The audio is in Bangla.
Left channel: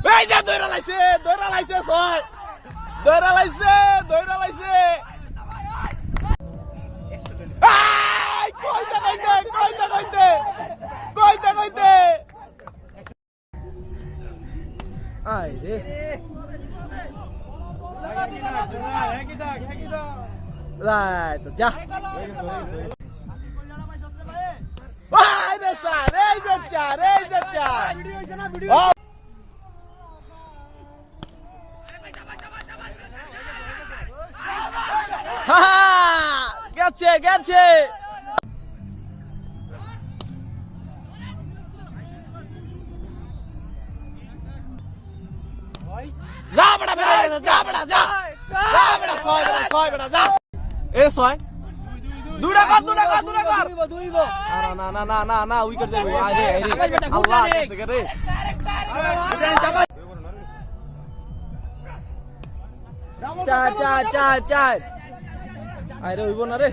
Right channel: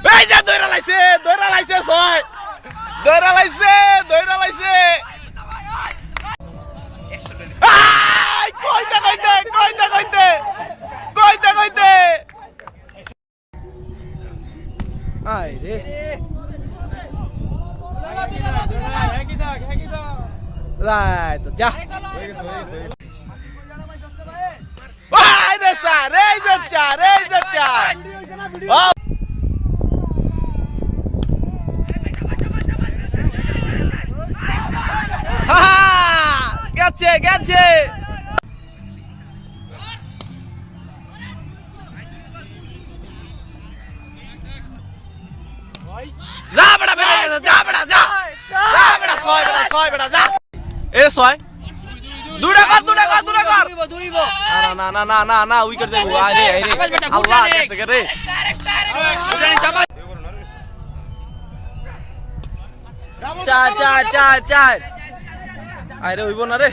এই যে দৌড়া লাইছে ছয় দৌড়া লাইছে কইতে আই রে রাই তো যা আই রে স্যার এই যে চার গেছে যা বেটা বেটা যা বেটা যা বেটা ছয় বেটা যা এ ছয় দুটা কর না উইকেট যাইবো আরে আল্লাহ গেছে রে চার আরে হইব না রে